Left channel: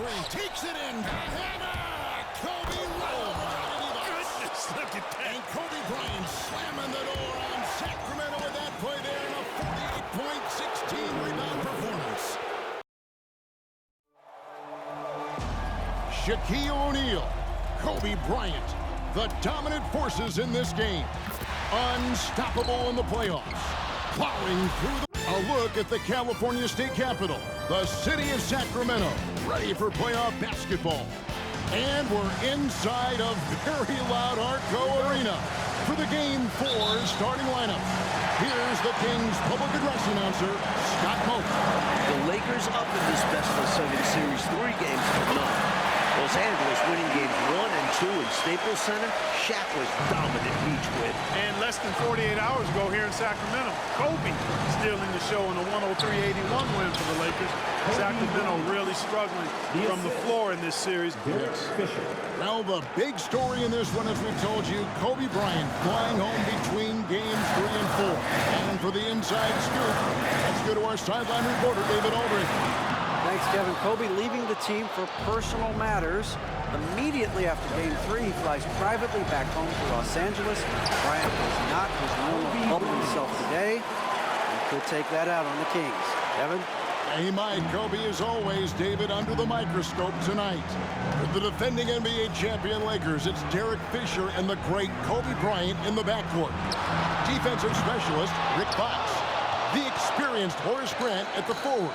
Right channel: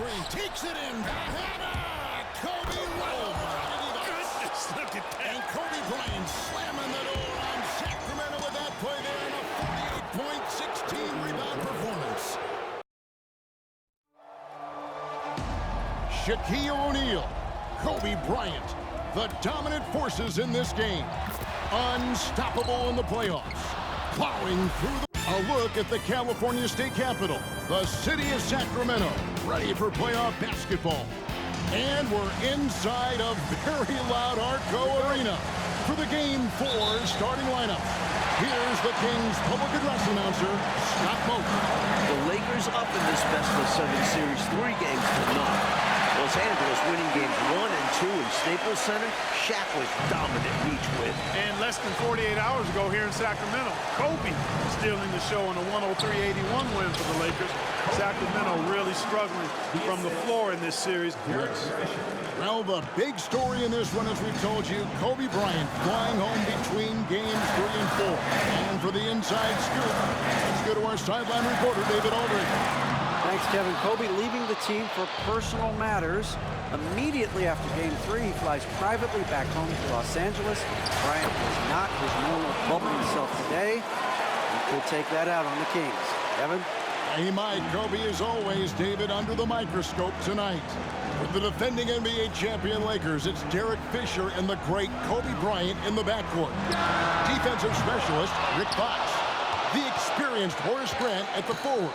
screen, takes it in. Kobe Oh, my goodness, look at that. And Kobe Bryant slamming the door on Sacramento with that play there in a 48-point, 16-rebound performance. Shaquille O'Neal, Kobe Bryant, the dominant forces in this game. Unstoppable in the playoffs. Plowing through the... A look at the California State Capitol, the city of Sacramento, ready for playoff basketball. And we're inside a very loud Arco Arena for the Game 4 starting lineup. Here's the Kings public address announcer, Scott Moak. The Lakers up in this best-of-7 series 3 games to none. Los Angeles winning games 1 and 2 in Staples Center. Shaq was dominant in each win. And less than 48 hours ago here in Sacramento, Kobe stealing the show in a 103-81 win for the Lakers. Sacramento really struggling from the floor in this series. Yes. Well, the big story in this one, as we've told you, Kobe Bryant flying home between games 3 and 4. And for the inside scoop, let's go to our sideline reporter, David Aldridge. Thanks, Kevin. Kobe leaving the team for personal matters. Immediately after Game 3, he flies privately back home to Los Angeles. Bryant was not his normal bubbly self today. He could take that out on the Kings. Kevin? Yeah, he might. Kobe, as always, David, under the microscope tonight. For the defending NBA champion Lakers, it's Derek Fisher and the great Kobe Bryant in the backcourt. Defensive specialist, Rick Fox. The experienced Horace Grant at the forward.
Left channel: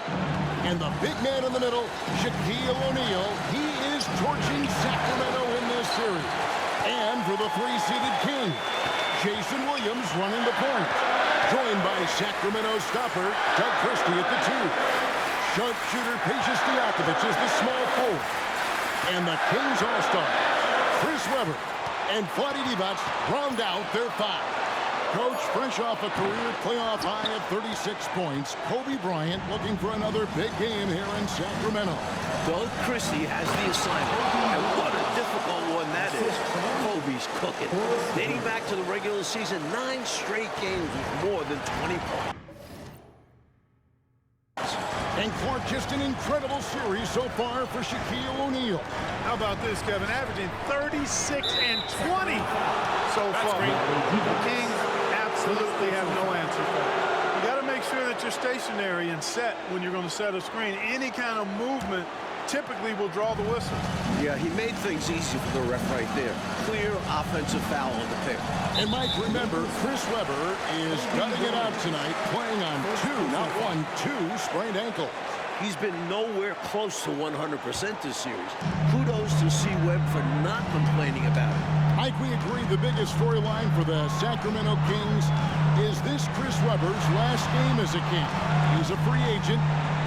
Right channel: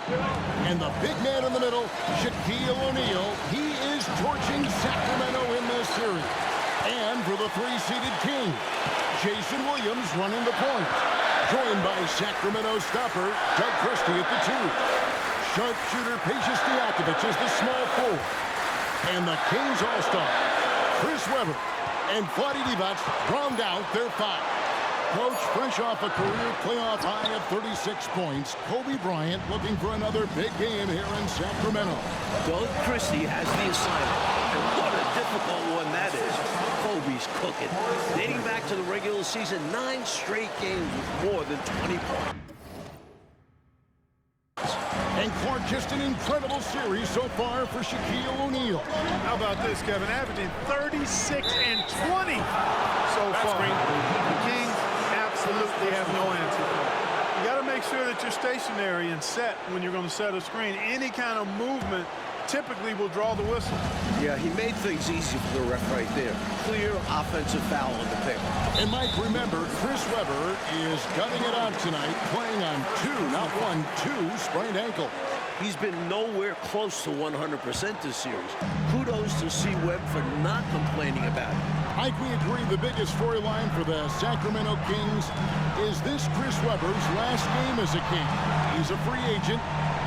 And the big man in the middle, Shaquille O'Neal. He is torching Sacramento in this series. And for the 3-seeded King, Jason Williams running the point. Joined by Sacramento stopper, Doug Christie at the 2. Sharpshooter Patience Diakovic is the small forward. And the Kings All-Star, Chris Webber and Vlade Divac round out their 5. Coach, fresh off a career playoff high of 36 points, Kobe Bryant looking for another big game here in Sacramento. Doug Christie has the assignment, and what a difficult one that is. Kobe's cooking. Dating back to the regular season, 9 straight games with more than 20 points. And Clark, just an incredible series so far for Shaquille O'Neal. How about this, Kevin? Averaging 36 and 20 so far. The Kings absolutely have no answer for it. You got to make sure that you're stationary and set when you're going to set a screen. Any kind of movement typically will draw the whistle. Yeah, he made things easy for the ref right there. Clear offensive foul on the pick. And Mike, remember, Chris Webber is gutting it out tonight, playing on 2, not 1, 2 sprained ankles. He's been nowhere close to 100% this series. Kudos to C. Webb for not complaining about it. Mike, we agree the biggest storyline for the Sacramento Kings is this Chris Webber's last game as a King. He's a free agent.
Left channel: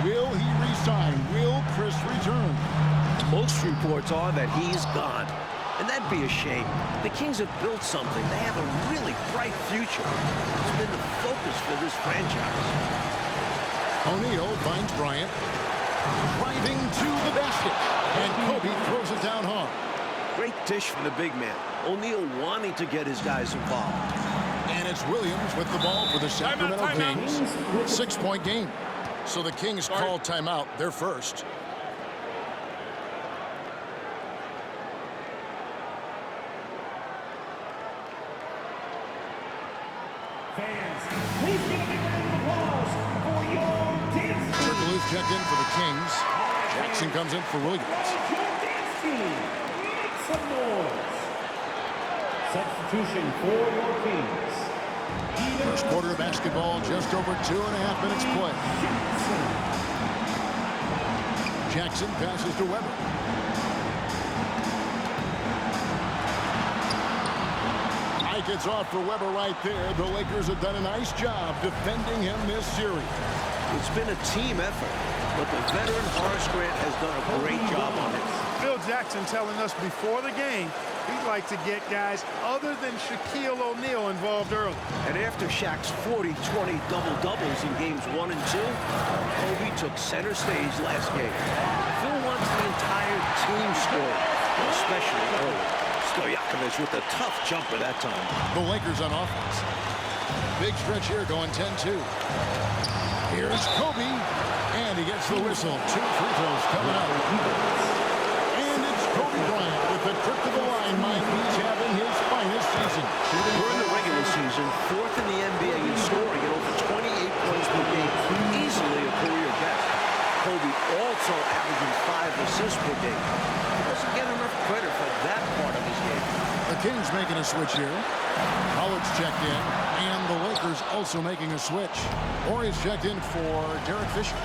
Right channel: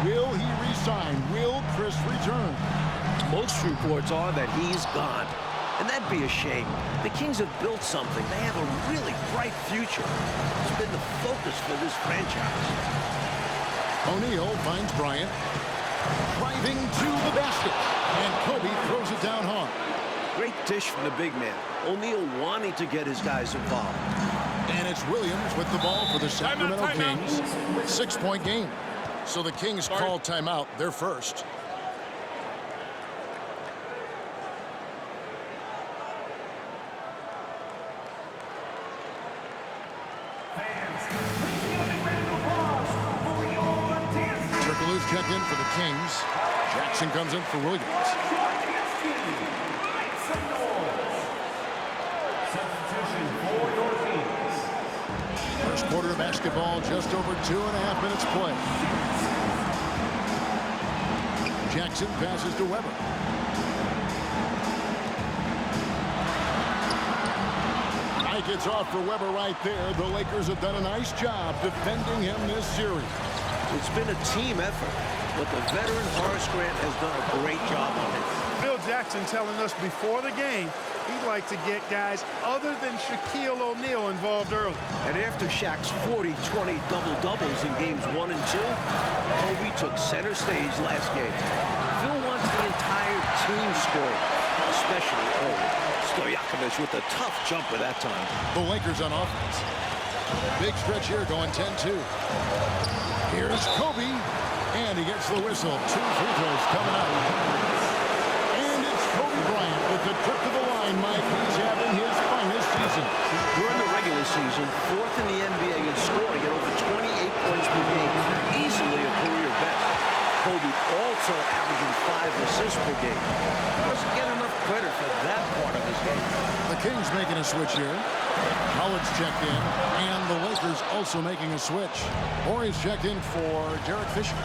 Will he resign? Will Chris return? Most reports are that he's gone. And that'd be a shame. The Kings have built something. They have a really bright future. It's been the focus for this franchise. O'Neal finds Bryant. Driving to the basket. And Kobe throws it down hard. Great dish from the big man. O'Neal wanting to get his guys involved. And it's Williams with the ball for the Sacramento Kings. 6-point game. So the Kings call timeout. They're first. Fans, please give a big round of applause for your dance team. Turkoglu's checked in for the Kings. Jackson comes in for Williams. Your dance team, make some noise. Substitution for your Kings. First quarter of basketball, just over 2.5 minutes play. Jackson passes to Webber. Mike, it's off for Webber right there. The Lakers have done a nice job defending him this series. It's been a team effort, but the veteran Horace Grant has done a great job on it. Phil Jackson telling us before the game he'd like to get guys other than Shaquille O'Neal involved early. And after Shaq's 40-20 double-doubles in games 1 and 2, Kobe took center stage last game. Phil wants the entire team scoring, especially early. Stojakovic with a tough jumper that time. The Lakers on offense. Big stretch here going 10-2. Here's Kobe. And he gets the whistle. 2 free throws coming up. And it's Kobe Bryant with the trip to the line, Mike. He's having his finest season. During the regular season, 4th in the NBA in scoring at over 28 points per game. Easily a career best. Kobe also averaging 5 assists per game. He doesn't get enough credit for that part of his game. The Kings making a switch here. Howard's checked in, and the Lakers also making a switch. Horry's checked in for Derek Fisher.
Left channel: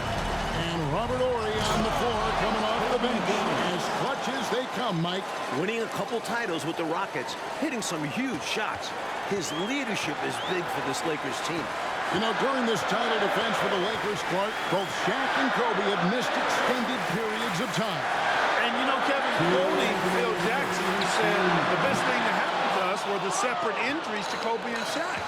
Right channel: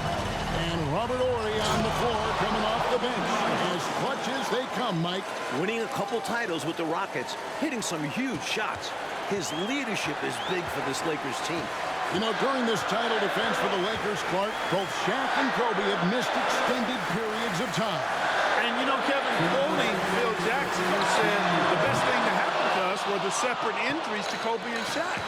And Robert Horry on the floor coming off the bench. As clutch as they come, Mike. Winning a couple titles with the Rockets, hitting some huge shots. His leadership is big for this Lakers team. You know, during this title defense for the Lakers, Clark, both Shaq and Kobe have missed extended periods of time. And, you know, Kevin, quoting Phil Jackson, who said the best thing to happen to us were the separate injuries to Kobe and Shaq.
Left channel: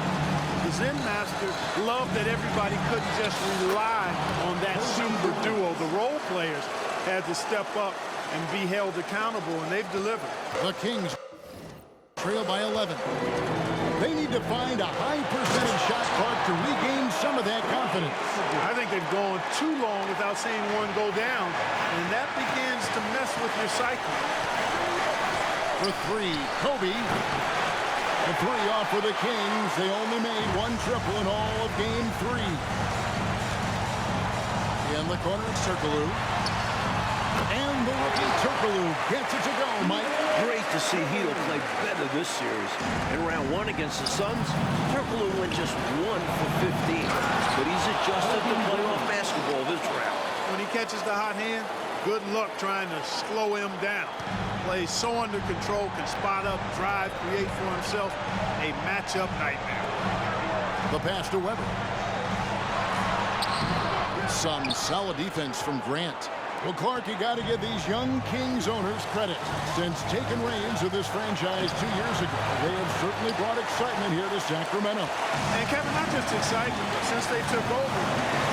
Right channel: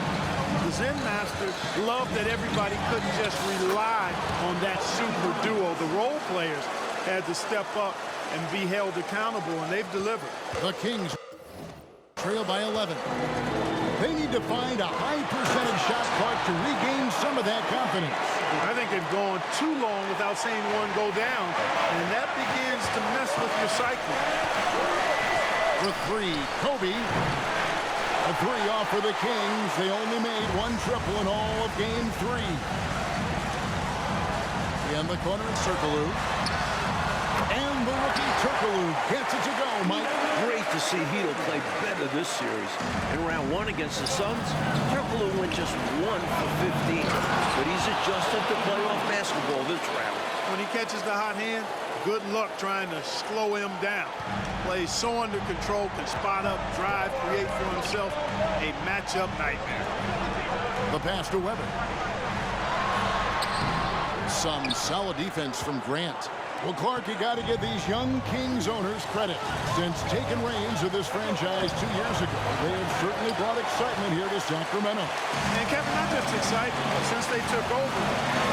The Zen Master loved that everybody couldn't just rely on that super duo. The role players had to step up and be held accountable, and they've delivered. The Kings trail by 11. They need to find a high percentage shot, Clark, to regain some of that confidence. I think they've gone too long without seeing one go down, and that begins to mess with your psyche. For 3, Kobe. The 3 off for the Kings. They only made 1 triple in all of game 3. In the corner, it's Turkoglu. And the rookie Turkoglu gets it to go, Mike. Great to see Hedo play better this series. In round 1 against the Suns, Turkoglu went just 1 for 15. But he's adjusted to playoff basketball this round. When he catches the hot hand, good luck trying to slow him down. Plays so under control, can spot up, drive, create for himself. A matchup nightmare. The pass to Weber. Some solid defense from Grant. Well, Clark, you got to give these young Kings owners credit. Since taking reins of this franchise 2 years ago, they have certainly brought excitement here to Sacramento. And Kevin, not just excitement, but since they took over,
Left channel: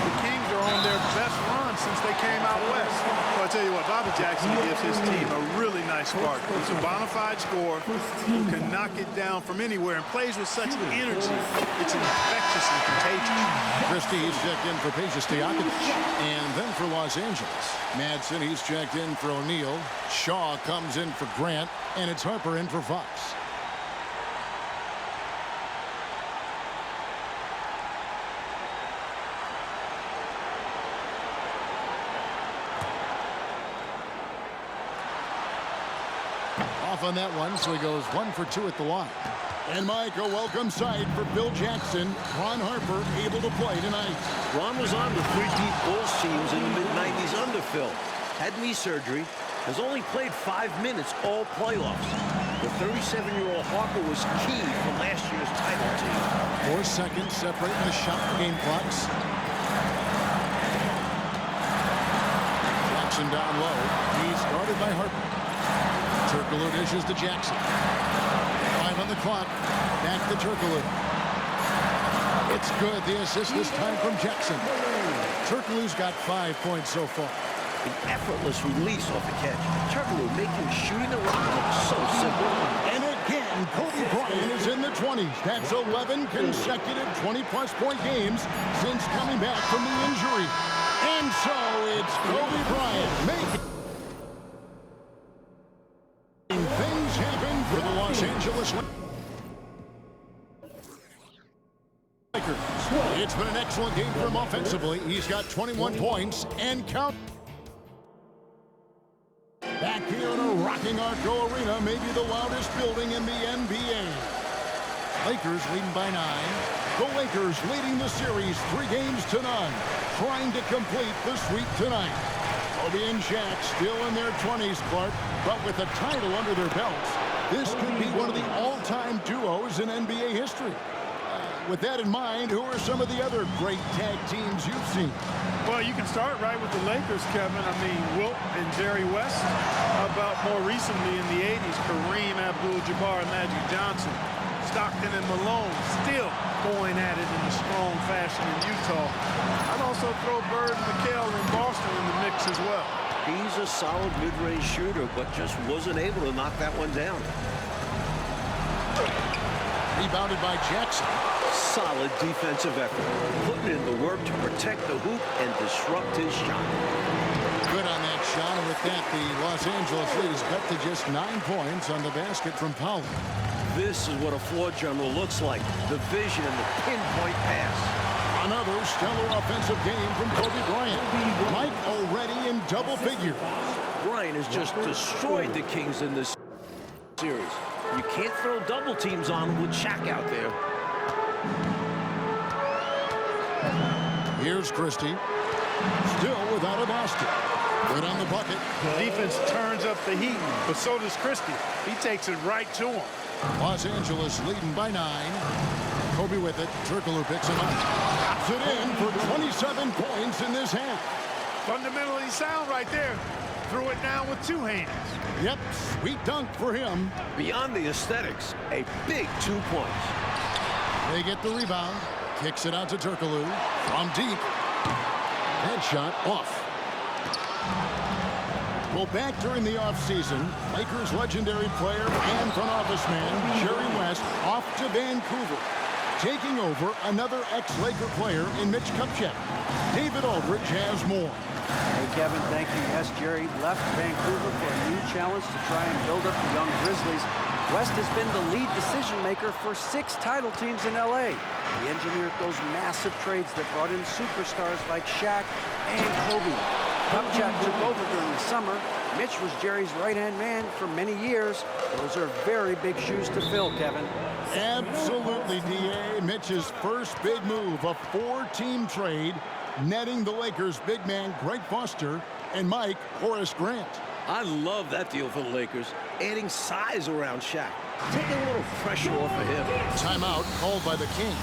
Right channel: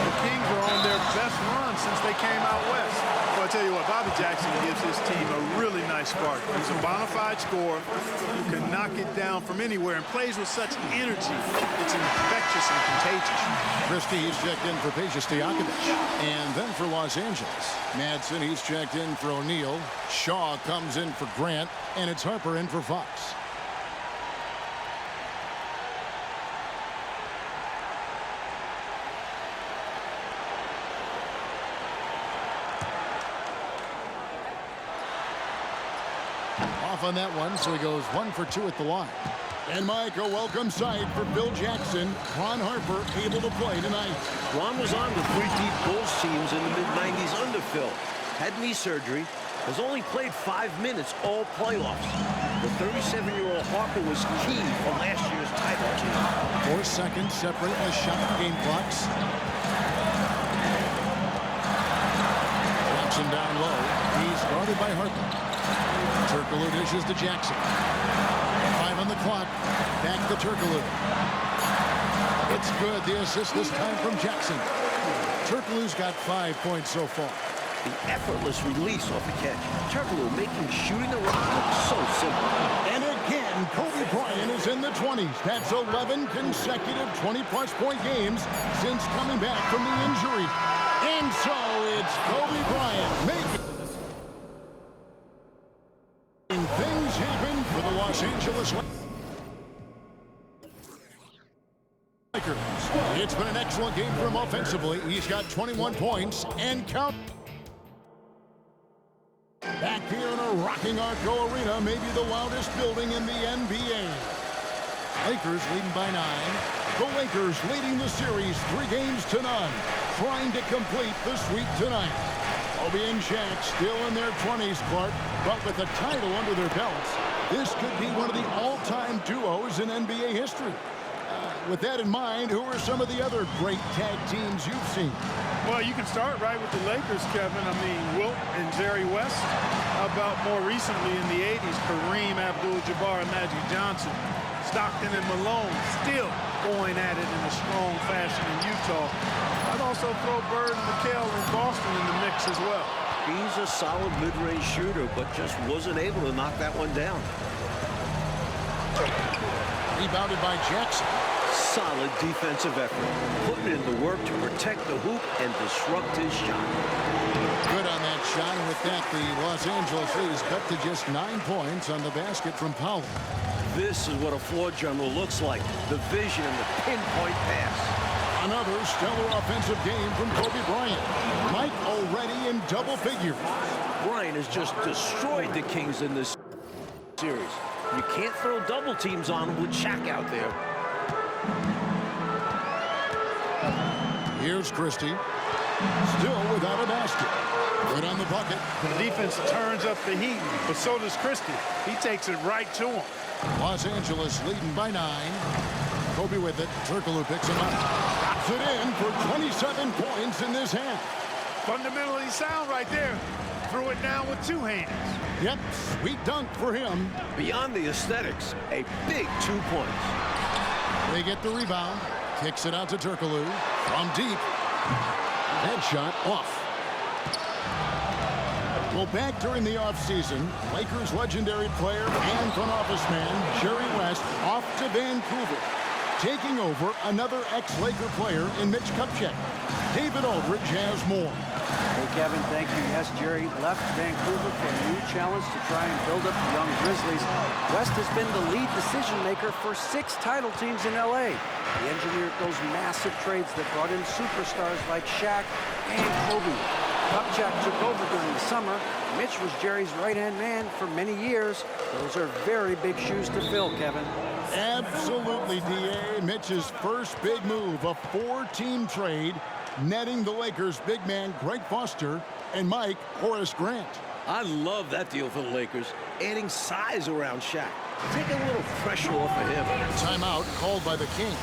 the Kings are on their best run since they came out west. So I tell you what, Bobby Jackson gives his team a really nice spark. He's a bona fide scorer who can knock it down from anywhere and plays with such energy. It's infectious and contagious. Christie's checked in for Peja Stojakovic. And then for Los Angeles, Madsen, he's checked in for O'Neal. Shaw comes in for Grant. And it's Harper in for Fox. Off on that one, so he goes 1 for 2 at the line. And Mike, a welcome sight for Phil Jackson. Ron Harper able to play tonight. Ron was on the 3 deep Bulls teams in the mid-90s under Phil. Had knee surgery, has only played 5 minutes all playoffs. The 37-year-old Harper was key for last year's title team. 4 seconds separating the shot and game clocks. Jackson down low. He's guarded by Harper. Turkoglu dishes to Jackson. 5 on the clock. Back to Turkoglu. It's good. The assist this time from Jackson. Turkoglu's got 5 points so far. The effortless release off the catch. Turkoglu making shooting the rock look so simple. And again, Kobe Bryant is in the 20s. That's 11 consecutive 20-plus point games since coming back from the injury. And so it's Kobe Bryant making things happen for the Los Angeles Lakers. It's been an excellent game for him offensively. He's got 21 points and count. Back here in a rocking Arco Arena, maybe the loudest building in the NBA. Lakers leading by 9. The Lakers leading the series 3-0, trying to complete the sweep tonight. Kobe and Shaq still in their 20s, Clark, but with a title under their belts, this could be one of the all-time duos in NBA history. With that in mind, who are some of the other great tag teams you've seen? Well, you can start right with the Lakers, Kevin. I mean, Wilt and Jerry West. How about more recently in the 80s, Kareem Abdul-Jabbar and Magic Johnson. Stockton and Malone still going at it in a strong fashion in Utah. I'd also throw Bird and McHale in Boston in the mix as well. He's a solid mid-range shooter, but just wasn't able to knock that one down. Rebounded by Jackson. Solid defensive effort, putting in the work to protect the hoop and disrupt his shot. Good on that shot, and with that, the Los Angeles lead is cut to just 9 points on the basket from Powell. This is what a floor general looks like, the vision and the pinpoint pass. Another stellar offensive game from Kobe Bryant. Mike already in double figures. Bryant has just destroyed the Kings in this series. You can't throw double teams on him with Shaq out there. Here's Christie. Still without a basket. Good on the bucket. The defense turns up the heat, but so does Christie. He takes it right to him. Los Angeles leading by 9. Kobe with it. Turkoglu picks him up. Drops it in for 27 points in this half. Fundamentally sound right there. Threw it down with 2 hands. Yep, sweet dunk for him. Beyond the aesthetics, a big 2 points. They get the rebound. Kicks it out to Turkoglu from deep. That shot off. Well, back during the offseason, Lakers legendary player and front office man Jerry West off to Vancouver, taking over another ex-Laker player in Mitch Kupchak. David Aldridge has more. Hey, Kevin, thank you. Yes, Jerry left Vancouver for a new challenge to try and build up the young Grizzlies. West has been the lead decision maker for 6 title teams in L.A. He engineered those massive trades that brought in superstars like Shaq and Kobe. Kupchak took over during the summer. Mitch was Jerry's right-hand man for many years. Those are very big shoes to fill, Kevin. Absolutely, D.A. Mitch's first big move, a 4-team trade, netting the Lakers' big man Greg Foster and Mike Horace Grant. I love that deal for the Lakers, adding size around Shaq, taking a little pressure off of him. Timeout called by the Kings.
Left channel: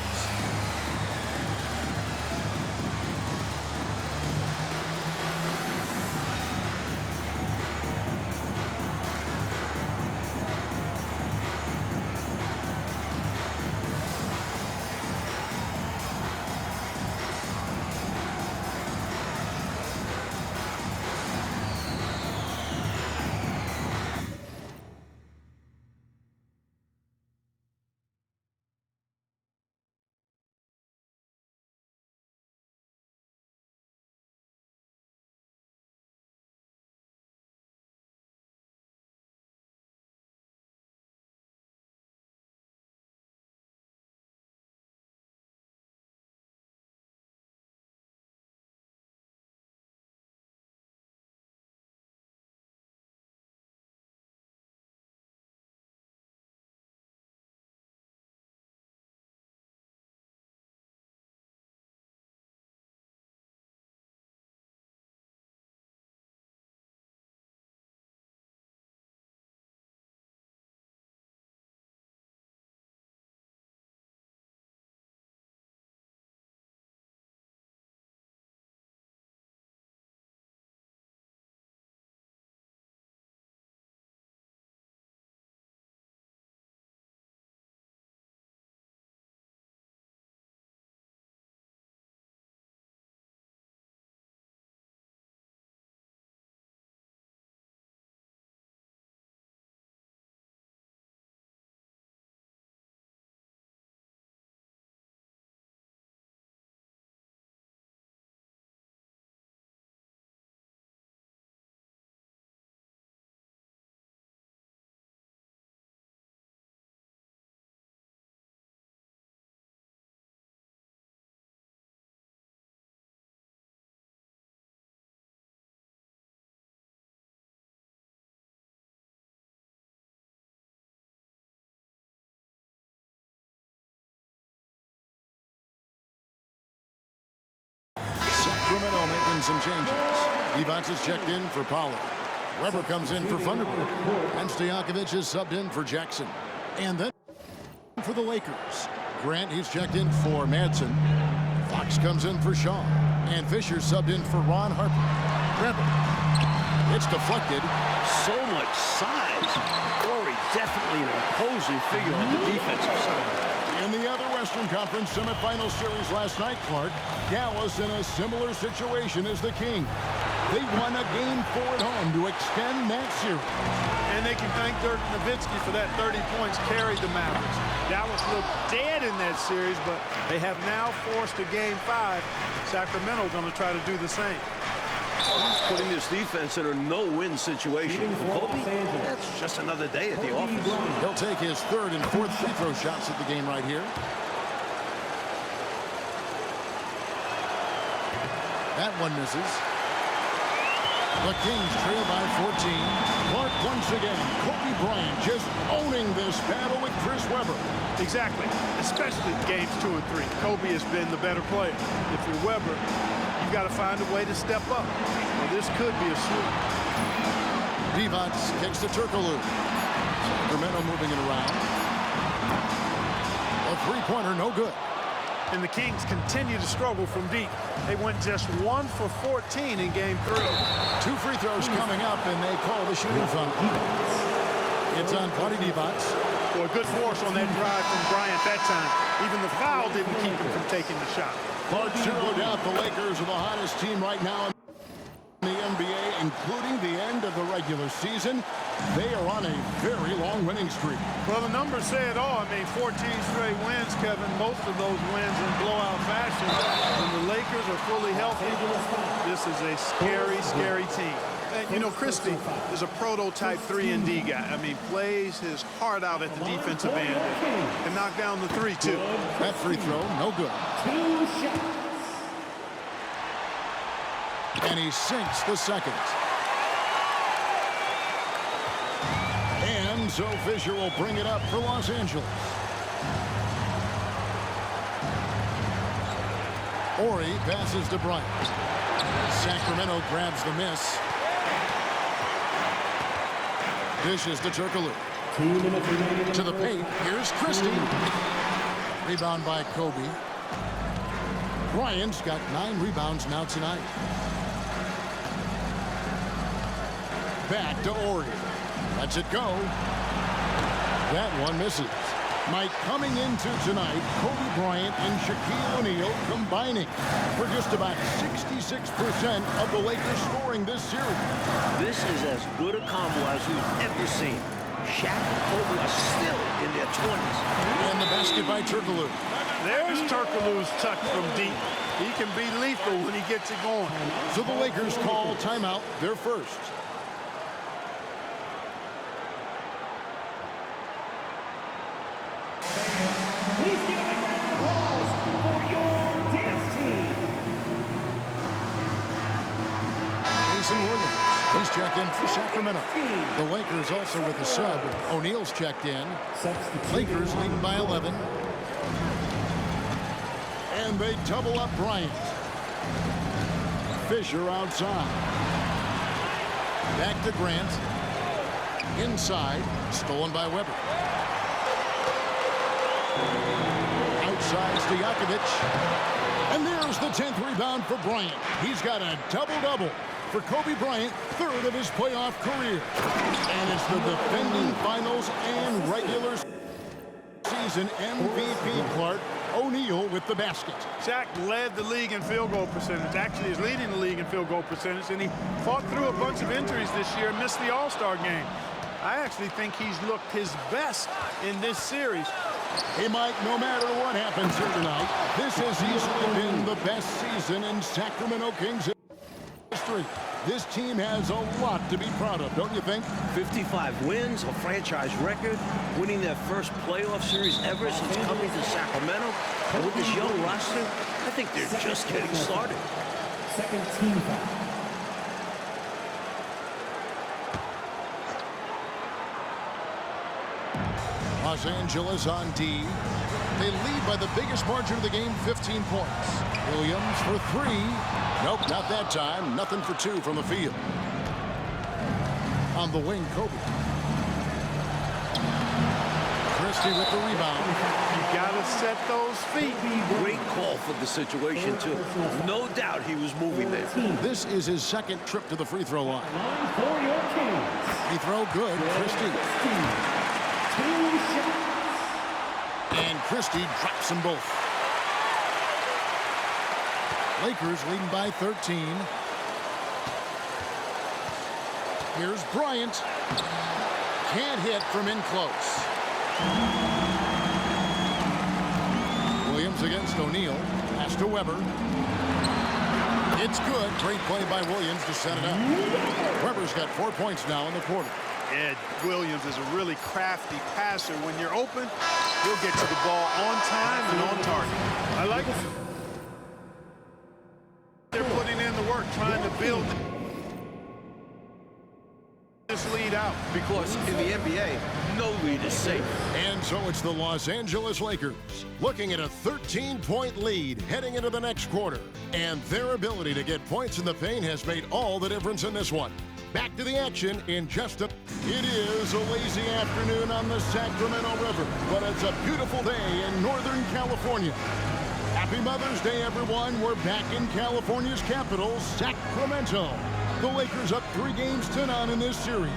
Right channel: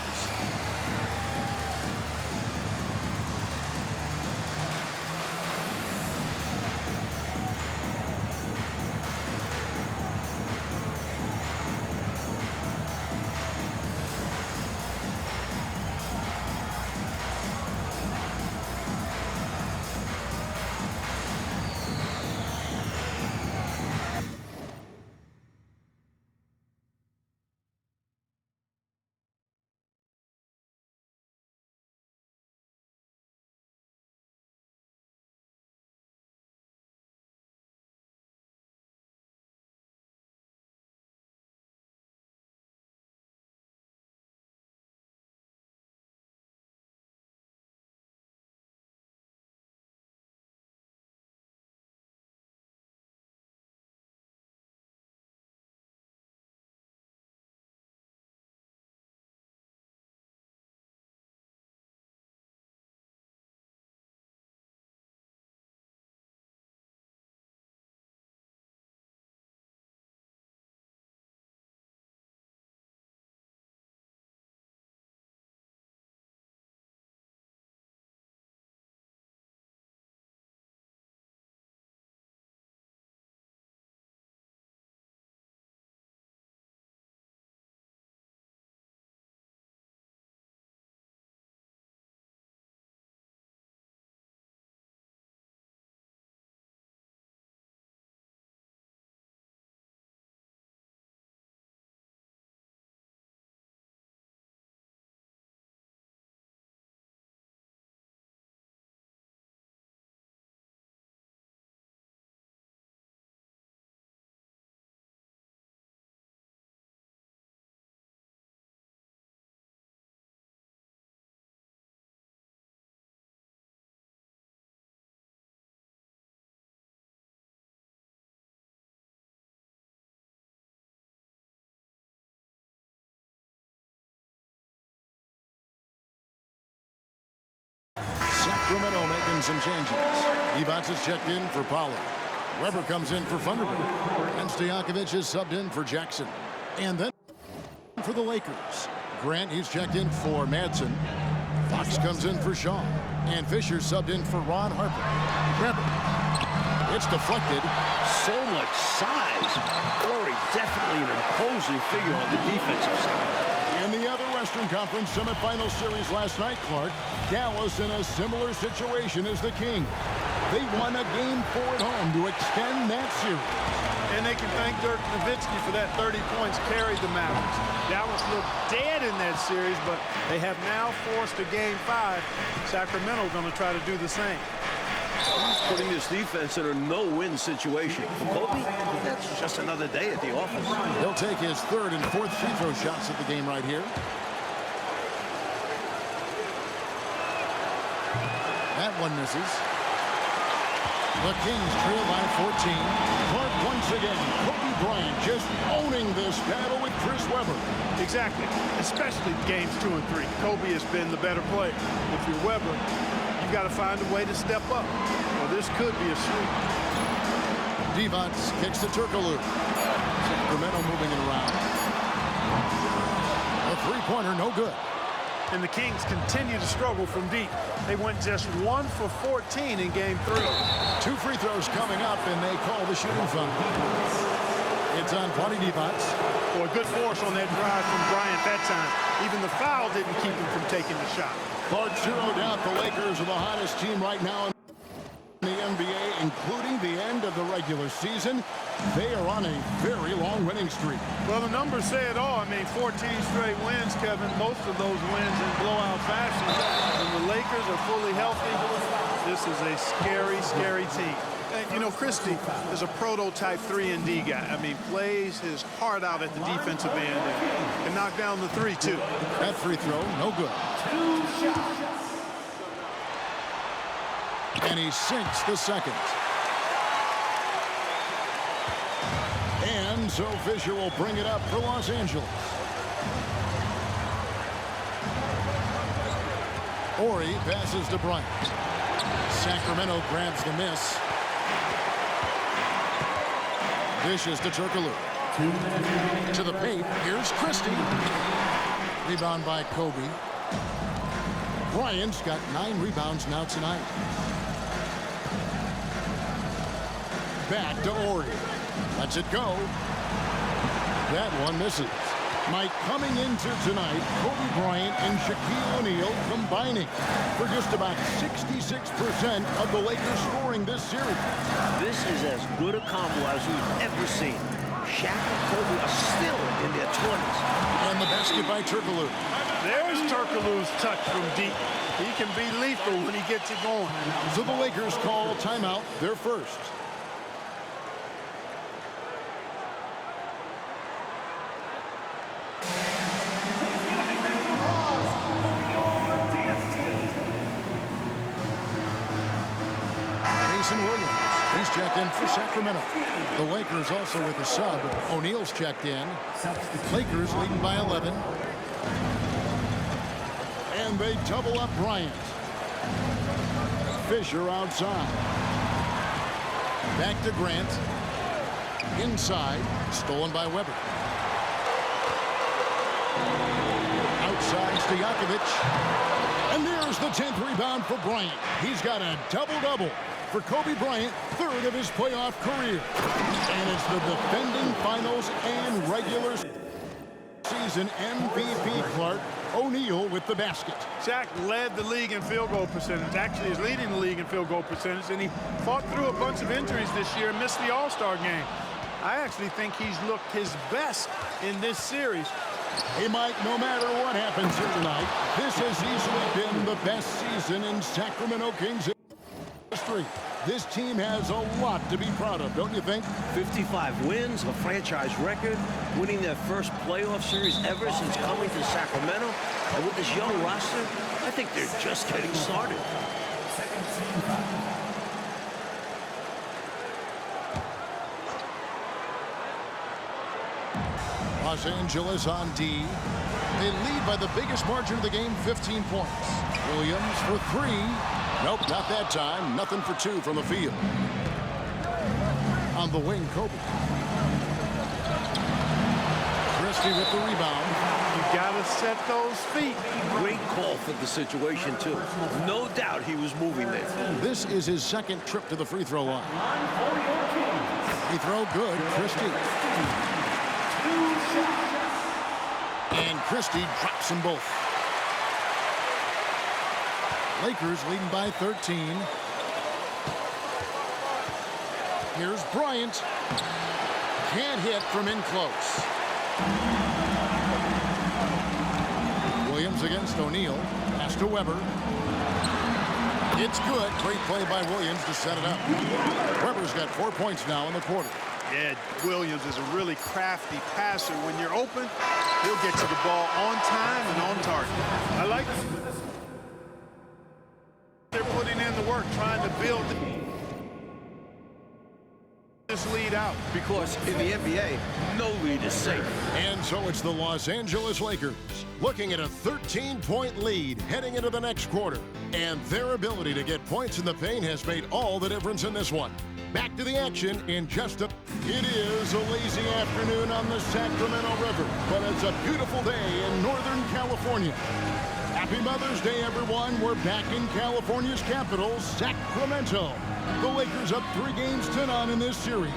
Sacramento making some changes. Evans is checked in for Pollard. Weber comes in for Thunderbird. And Stojakovic is subbed in for Jackson. And then for the Lakers. Grant, he's checked in for Madsen. Fox comes in for Shaw. And Fisher subbed in for Ron Harper. Weber. It's deflected. So much size. Corey, definitely an imposing figure on the defensive side. In the other Western Conference semifinal series last night, Clark, Dallas in a similar situation as the Kings. They won a Game 4 at home to extend that series. And they can thank Dirk Nowitzki for that 30 points carried the Mavericks. Dallas looked dead in that series, but they have now forced a Game 5. Sacramento going to try to do the same. He's putting this defense in a no-win situation. For Kobe, that's just another day at the office. He'll take his third and fourth free throw shots at the game right here. That one misses. The Kings trail by 14. Clark once again. Kobe Bryant just owning this battle with Chris Webber. Exactly, especially games 2 and 3. Kobe has been the better player. If you're Webber, you've got to find a way to step up, or this could be a sweep. Divac kicks to Turkoglu. Sacramento moving it around. A three-pointer, no good. And the Kings continue to struggle from deep. They went just 1 for 14 in Game 3. 2 free throws coming up, and they call the shooting foul. It's on Vlade Divac. Boy, good force on that drive from Bryant that time. Even the foul didn't keep him from taking the shot. Clark zeroed out the Lakers are the hottest team right now in the NBA, including the end of the regular season. They are on a very long winning streak. Well, the numbers say it all. I mean, 14 straight wins, Kevin. Most of those wins in blowout fashion. When the Lakers are fully healthy, this is a scary, scary team. And, you know, Christie is a prototype 3-and-D guy. I mean, plays his heart out at the defensive end and can knock down the 3, too. That free throw, no good. 2 shots. And he sinks the second. And so Fisher will bring it up for Los Angeles. Ori passes to Bryant. Sacramento grabs the miss. Dishes to Turkoglu. 2 minutes remaining. To the paint. Here's Christie. Rebound by Kobe. Bryant's got 9 rebounds now tonight. Back to Ori. Lets it go. That one misses. Mike, coming into tonight, Kobe Bryant and Shaquille O'Neal combining for just about 66% of the Lakers scoring this series. This is as good a combo as we've ever seen. Shaq and Kobe are still in their 20s. And the basket by Turkoglu. There's Turkoglu's touch from deep. He can be lethal when he gets it going. So the Lakers call timeout, their first. Please give a big round of applause for your dance team. Jason Williams, he's checked in for Sacramento. The Lakers also with a sub. O'Neal's checked in. Lakers leading by 11. And they double up Bryant. Fisher outside. Back to Grant. Inside, stolen by Webber. Outside, Stojakovic. And there's the 10th rebound for Bryant. He's got a double-double for Kobe Bryant, third of his playoff career. And it's the defending finals and regular season MVP, Clark. O'Neal with the basket. Shaq led the league in field goal percentage. Actually, is leading the league in field goal percentage, and he fought through a bunch of injuries this year and missed the All-Star game. I actually think he's looked his best in this series. Hey, Mike, no matter what happens here tonight, this has easily been the best season in Sacramento Kings history. This team has a lot to be proud of, don't you think? 55 wins, a franchise record, winning their first playoff series ever since coming to Sacramento. And with this young roster, I think they're just getting started. Second team foul. Los Angeles on D. They lead by the biggest margin of the game, 15 points. Williams for 3. Nope, not that time. Nothing for 2 from the field. On the wing, Kobe. Christie with the rebound. You got to set those feet. Great call for the situation, too. No doubt he was moving there. This is his second trip to the free throw line. Line for your Kings. Free throw good, Christie. 2 shots. And Christie drops them both. Lakers leading by 13. Here's Bryant. Can't hit from in close. Williams against O'Neal. Pass to Weber. It's good. Great play by Williams to set it up. Weber's got 4 points now in the quarter. Yeah, Williams is a really crafty passer. When you're open, he'll get to the ball on time and on target. I like they're putting in the work, trying to build this lead out. Because in the NBA, no lead is safe. And so it's the Los Angeles Lakers looking at a 13-point lead heading into the next quarter. And their ability to get points in the paint has made all the difference in this one. Back to the action in just a... It is a lazy afternoon on the Sacramento River, but it's a beautiful day in Northern California. Happy Mother's Day, everyone. We're back in California's capital, Sacramento. The Lakers up 3 games to none in this series.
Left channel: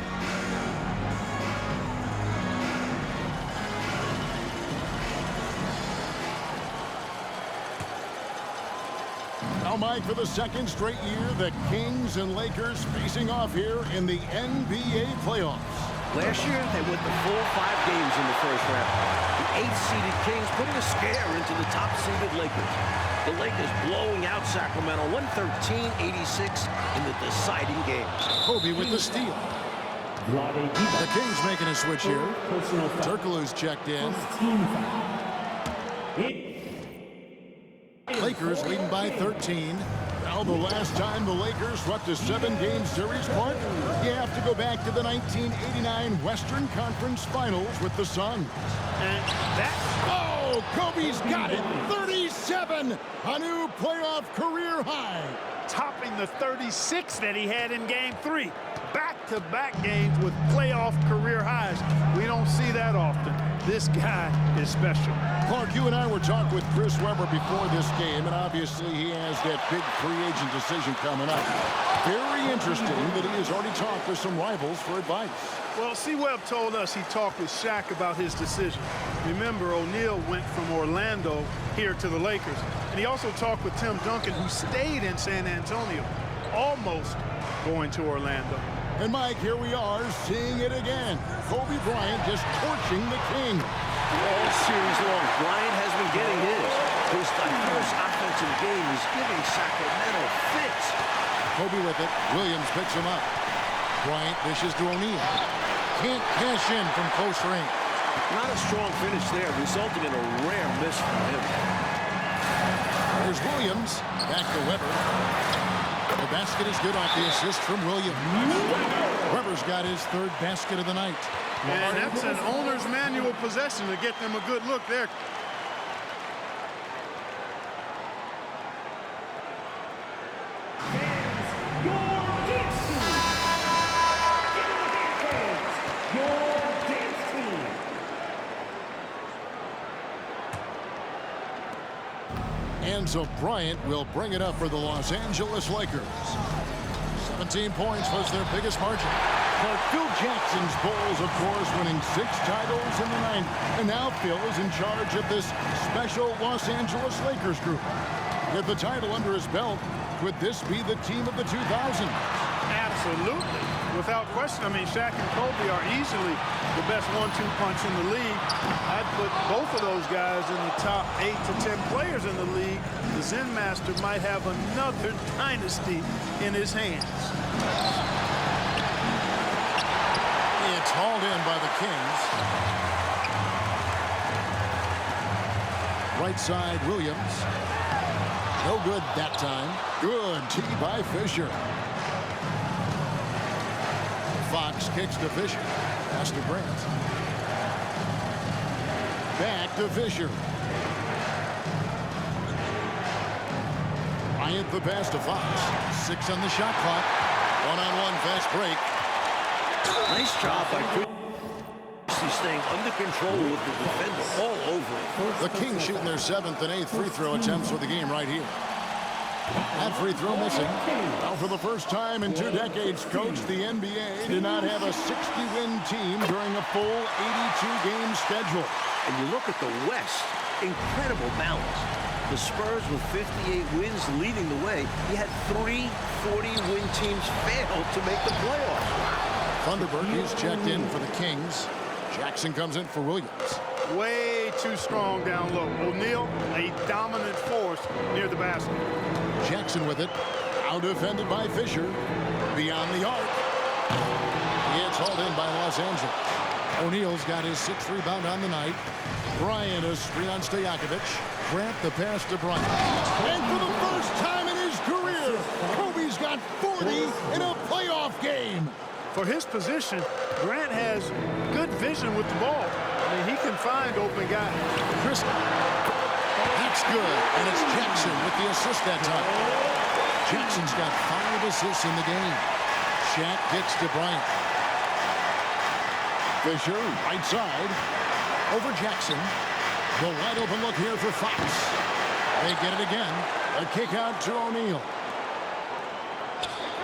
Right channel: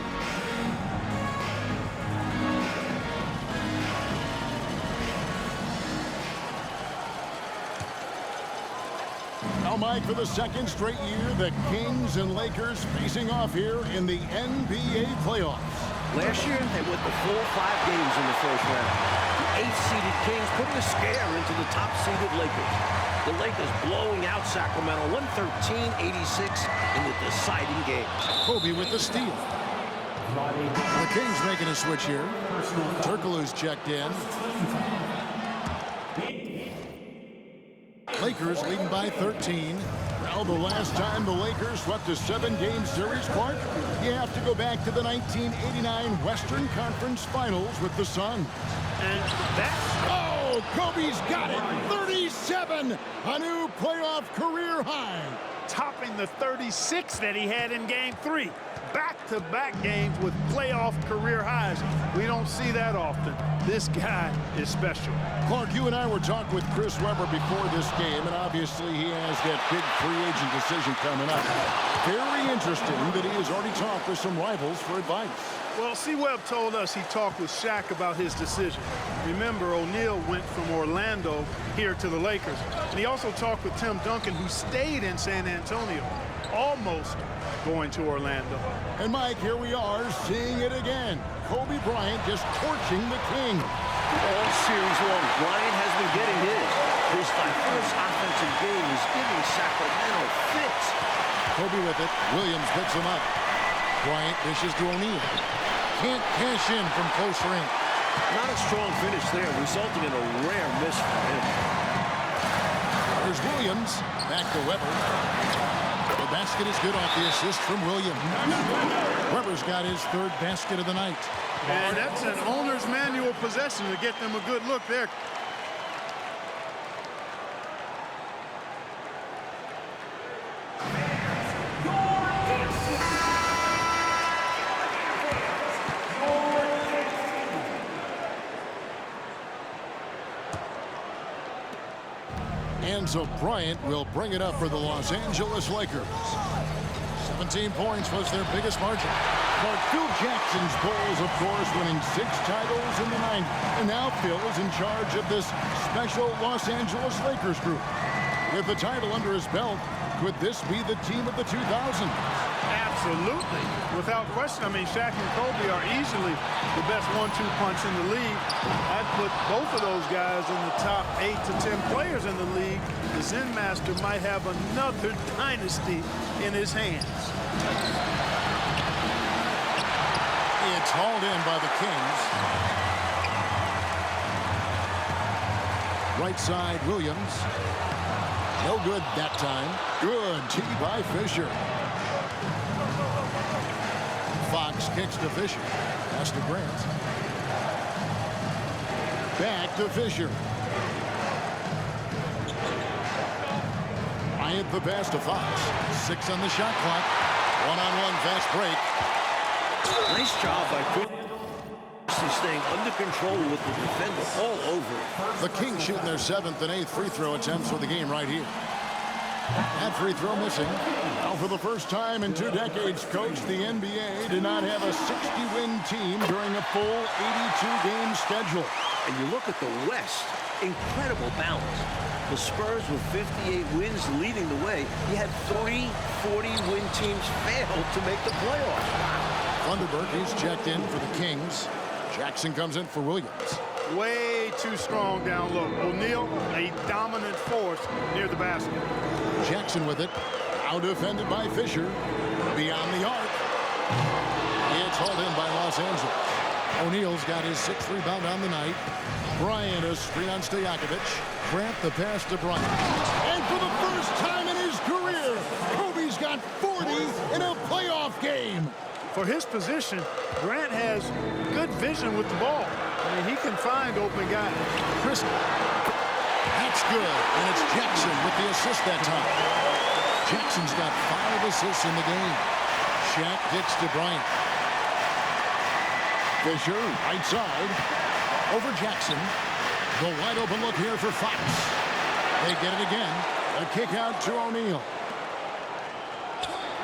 Now, Mike, for the second straight year, the Kings and Lakers facing off here in the NBA playoffs. Last year, they went the full 5 games in the first round. The 8th-seeded Kings putting a scare into the top-seeded Lakers. The Lakers blowing out Sacramento 113-86 in the deciding games. Kobe with the steal. The Kings making a switch here. Turkoglu's checked in. Lakers leading by 13. Well, the last time the Lakers swept a 7-game series, Clark, you have to go back to the 1989 Western Conference Finals with the Suns. And that... Oh, Kobe's got it. 37, a new playoff career high. topping the 36 that he had in Game 3. Back-to-back games with playoff career highs. We don't see that often. This guy is special. Clark, you and I were talking with Chris Webber before this game, and obviously he has that big free agent decision coming up. Very interesting that he has already talked with some rivals for advice. Well, C-Webb told us he talked with Shaq about his decision. Remember, O'Neal went from Orlando here to the Lakers. And he also talked with Tim Duncan, who stayed in San Antonio, almost going to Orlando. And, Mike, here we are seeing it again. Kobe Bryant just torching the King. All series long, Bryant has been getting his. His diverse offensive game is giving Sacramento fits. Kobe with it. Williams picks him up. Bryant dishes to O'Neal. Can't cash in from close range. Not a strong finish there, resulting in a rare miss from him. There's Williams. Back to Webber. The basket is good off the assist from Williams. Webber's got his third basket of the night. And that's an owner's manual possession to get them a good look there. And so Bryant will bring it up for the Los Angeles Lakers. 17 points was their biggest margin. But Phil Jackson's Bulls, of course, winning 6 titles in the 90s. And now Phil is in charge of this special Los Angeles Lakers group. With the title under his belt, could this be the team of the 2000s? Absolutely. Without question. I mean, Shaq and Kobe are easily the best 1-2 punch in the league. I'd put both of those guys in the top 8 to 10 players in the league. The Zen Master might have another dynasty in his hands. It's hauled in by the Kings. Right side, Williams. No good that time. Good tee by Fisher. Fox kicks to Fisher. Pass to Grant. Back to Fisher. Bryant the pass to Fox. 6 on the shot clock. One-on-one fast break. Nice job by Christie staying under control with the defender all over it. The Kings shooting their 7th and 8th free throw attempts for the game right here. That free throw missing. Well, for the first time in 2 decades, Coach, the NBA did not have a 60-win team during a full 82-game schedule. And you look at the West, incredible balance. The Spurs with 58 wins leading the way. You had 3 40-win teams fail to make the playoffs. Wow. Thunderberg, he's checked in for the Kings. Jackson comes in for Williams. Way too strong down low. O'Neal, a dominant force near the basket. Jackson with it. Out defended by Fisher. Beyond the arc. It's hauled in by Los Angeles. O'Neal's got his 6th rebound on the night. Bryant a screen on Stojakovic. Grant the pass to Bryant. And for the first time in his career, Kobe's got 40 in a playoff game. For his position, Grant has good vision with the ball. I mean, he can find open guys. Chris, that's good. And it's Jackson with the assist that time. Jackson's got 5 assists in the game. Shaq gets to Bryant. Fisher, right side, over Jackson. The wide open look here for Fox. They get it again. A kick out to O'Neal.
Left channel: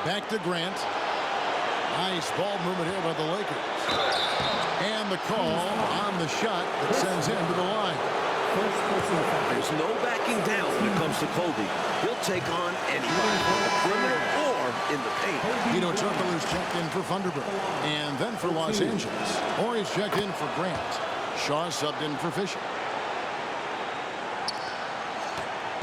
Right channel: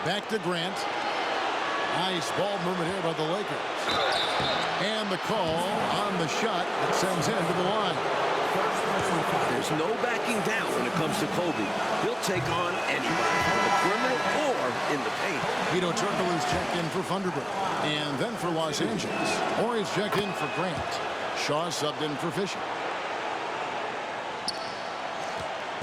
Back to Grant. Nice ball movement here by the Lakers. And the call on the shot that sends him to the line. There's no backing down when it comes to Kobe. He'll take on anybody on the perimeter or in the paint. Vito Turkoglu's checked in for Thunderberg. And then for Los Angeles. Horry's checked in for Grant. Shaw subbed in for Fisher.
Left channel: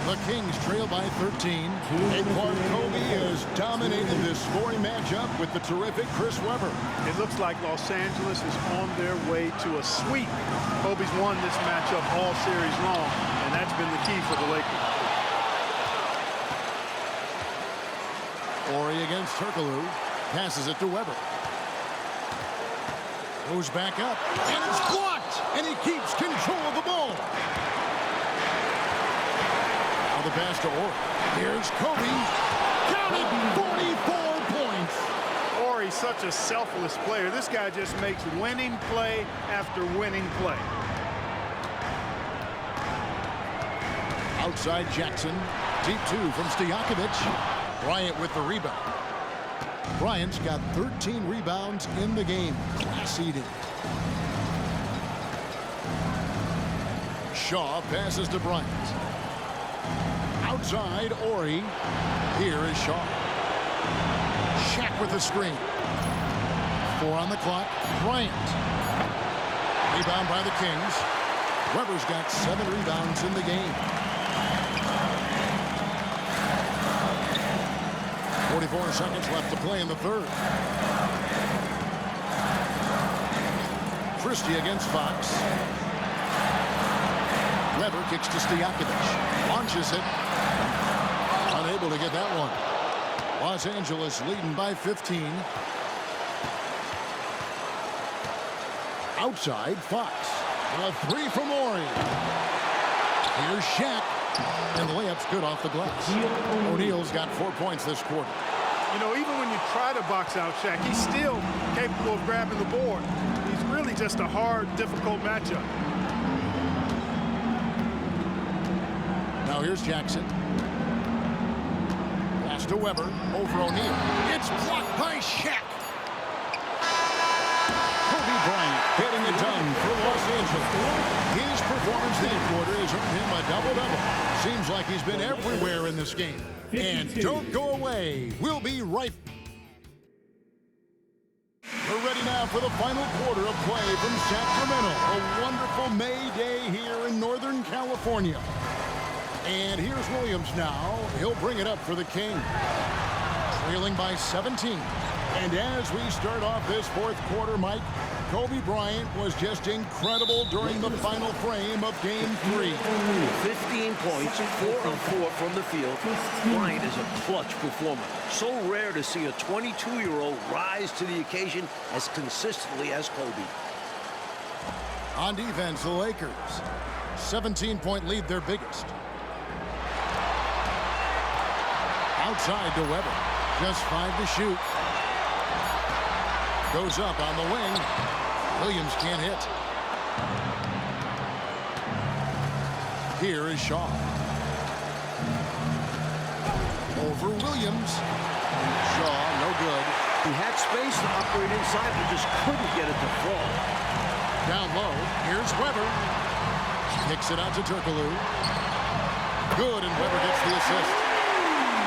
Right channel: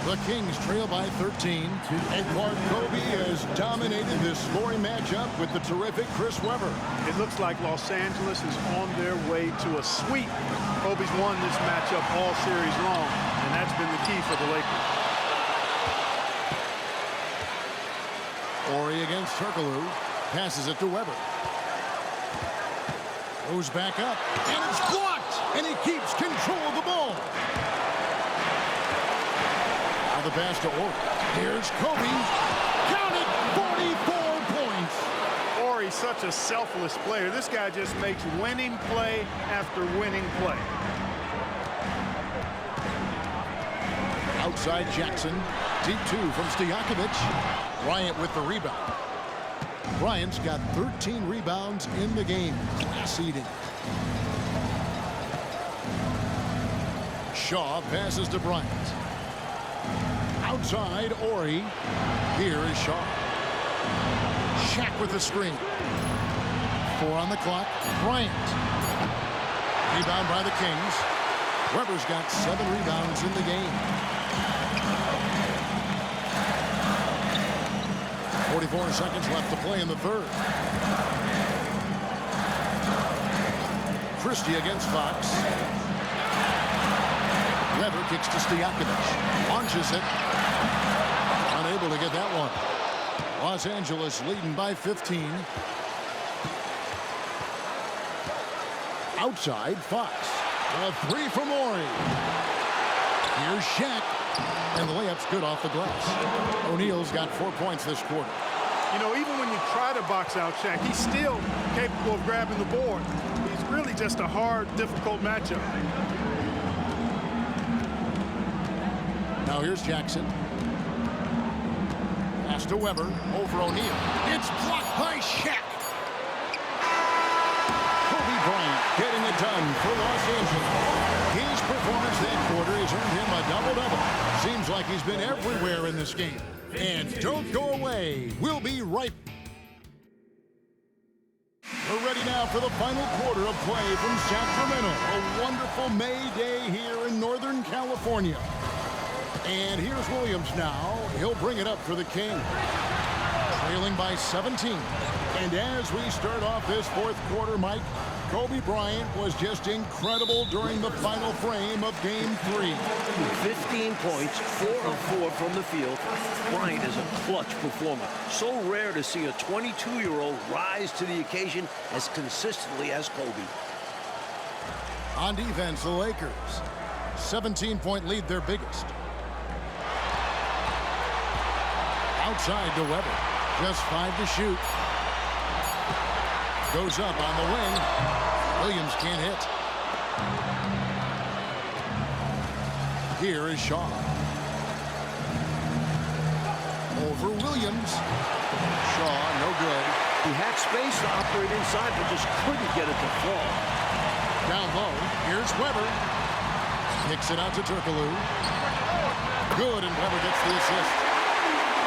The Kings trail by 13. And Clark Kobe has dominated this scoring matchup with the terrific Chris Webber. It looks like Los Angeles is on their way to a sweep. Kobe's won this matchup all series long, and that's been the key for the Lakers. Horry against Turkoglu. Passes it to Webber. Goes back up. And it's blocked. And he keeps control of the ball. Now the pass to Horry. Here's Kobe. Counted 44 points. Horry's such a selfless player. This guy just makes winning play after winning play. Outside Jackson. Deep 2 from Stojakovic. Bryant with the rebound. Bryant's got 13 rebounds in the game. Class eating. Shaw passes to Bryant. Outside, Horry. Here is Shaw. Shaq with the screen. 4 on the clock. Bryant. Rebound by the Kings. Webber's got 7 rebounds in the game. 44 seconds left to play in the third. Christie against Fox. Webber kicks to Stojakovic. Launches it. Unable to get that one. Los Angeles leading by 15. Outside, Fox. A 3 from Horry. Here's Shaq. And the layup's good off the glass. O'Neal's got 4 points this quarter. You know, even when you try to box out Shaq, he's still capable of grabbing the board. He's really just a hard, difficult matchup. Now here's Jackson. Pass to Webber over O'Neal. It's blocked by Shaq. Kobe Bryant getting it done for Los Angeles. His performance that quarter has earned him a double-double. Seems like he's been everywhere in this game. And don't go away. We'll be right. We're ready now for the final quarter of play from Sacramento. A wonderful May day here in Northern California. And here's Williams now. He'll bring it up for the King. Trailing by 17. And as we start off this fourth quarter, Mike, Kobe Bryant was just incredible during the final frame of Game 3. 15 points, 4 of 4 from the field. Bryant is a clutch performer. So rare to see a 22-year-old rise to the occasion as consistently as Kobe. On defense, the Lakers. 17-point lead, their biggest. Outside to Webber. Just 5 to shoot. Goes up on the wing. Williams can't hit. Here is Shaw. Over Williams. Shaw, no good. He had space to operate inside, but just couldn't get it to fall. Down low. Here's Webber. Kicks it out to Turkoglu. Good, and Webber gets the assist.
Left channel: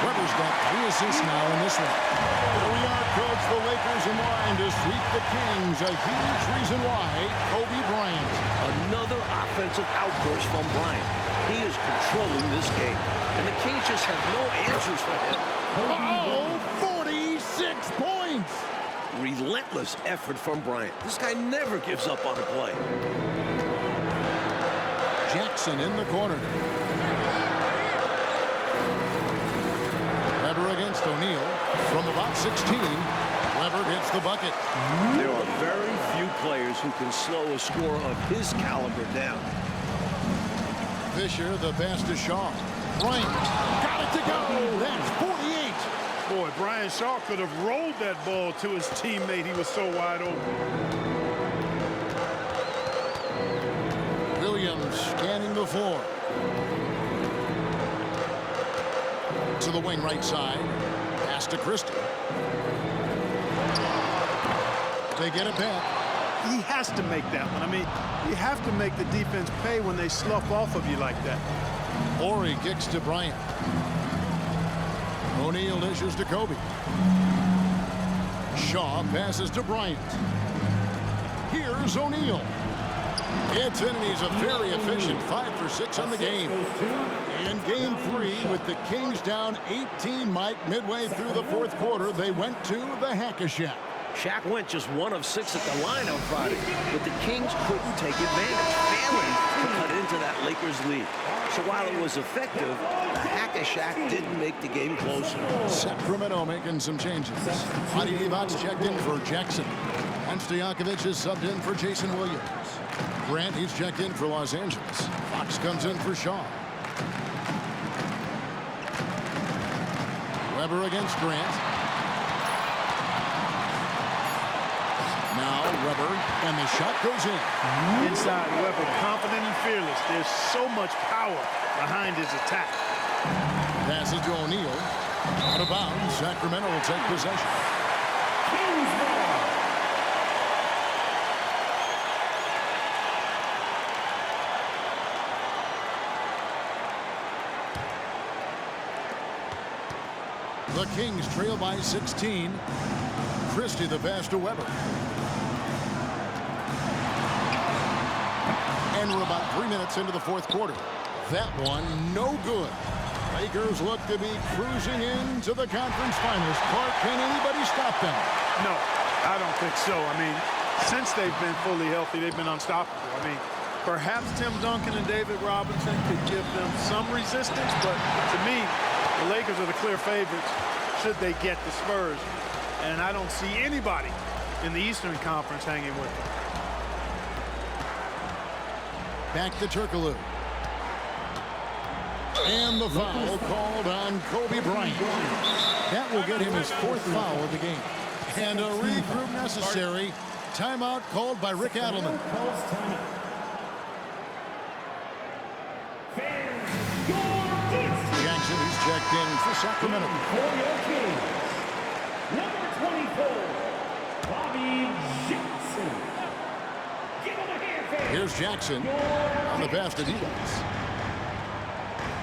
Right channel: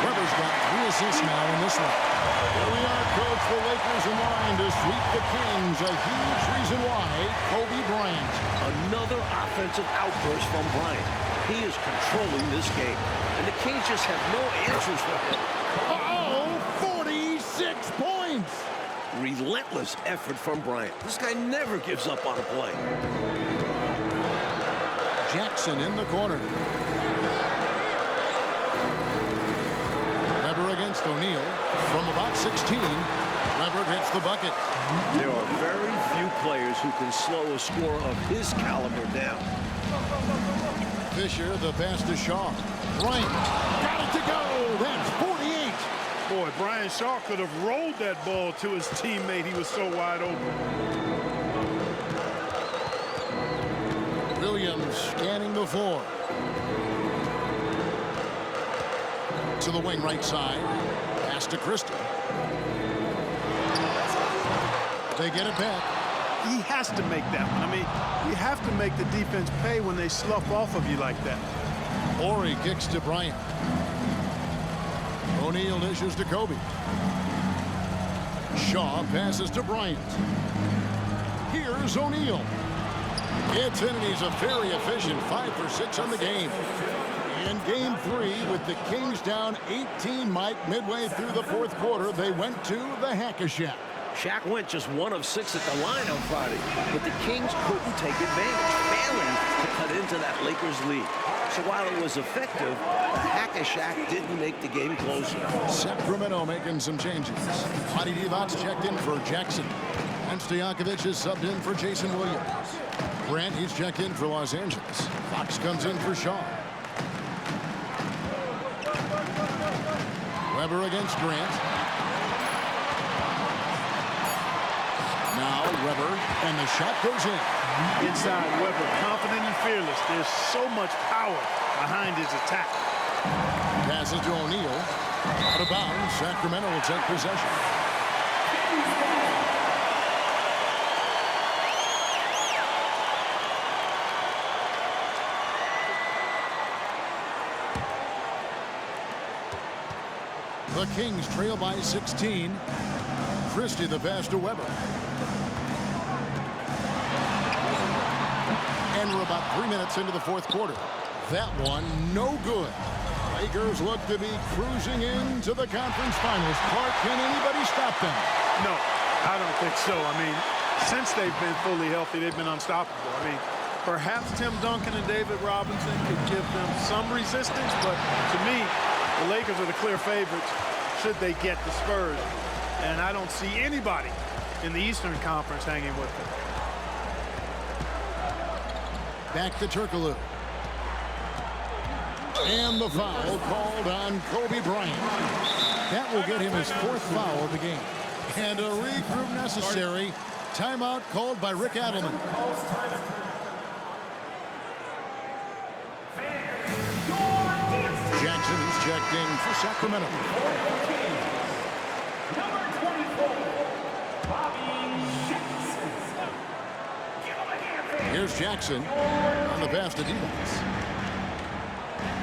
Weber's got 3 assists now in this one. Here we are, Coach. The Lakers in line to sweep the Kings. A huge reason why. Kobe Bryant. Another offensive outburst from Bryant. He is controlling this game, and the Kings just have no answers for him. Oh, 46 points. Relentless effort from Bryant. This guy never gives up on a play. Jackson in the corner. Weber against O'Neal. From about 16, Weber hits the bucket. There are very few players who can slow a scorer of his caliber down. Fisher, the pass to Shaw. Bryant got it to go. That's 48. Boy, Brian Shaw could have rolled that ball to his teammate. He was so wide open. Williams scanning the floor. To the wing right side. Pass to Christie. They get it back. He has to make that one. I mean, you have to make the defense pay when they slough off of you like that. Horry kicks to Bryant. O'Neal dishes to Kobe. Shaw passes to Bryant. Here's O'Neal. Gets in, and he's a very efficient 5 for 6 on the game. In game 3, with the Kings down 18, Mike, midway through the 4th quarter, they went to the Hack-a-Shack. Shaq went just 1 of 6 at the line on Friday, but the Kings couldn't take advantage, failing to cut into that Lakers lead. So while it was effective, the Hack-a-Shack didn't make the game closer. Sacramento making some changes. Adi Divac checked in for Jackson. And Stojakovic is subbed in for Jason Williams. Grant, he's checked in for Los Angeles. Fox comes in for Shaw. Weber against Grant. Now Weber, and the shot goes in. Inside, Weber, confident and fearless. There's so much power behind his attack. Passes to O'Neal. Out of bounds. Sacramento will take possession. The Kings trail by 16. Christie the pass to Weber. And we're about 3 minutes into the 4th quarter. That one, no good. Lakers look to be cruising into the conference finals. Clark, can anybody stop them? No, I don't think so. I mean, since they've been fully healthy, they've been unstoppable. I mean, perhaps Tim Duncan and David Robinson could give them some resistance, but to me, the Lakers are the clear favorites should they get the Spurs. And I don't see anybody in the Eastern Conference hanging with them. Back to Turkoglu. And the foul called on Kobe Bryant. That will get him his 4th foul of the game. And a regroup necessary. Timeout called by Rick Adelman. Jackson, he's checked in for Sacramento. Number 24, Bobby Jackson. Give him a hand, fans. Here's Jackson on the pass to Divac.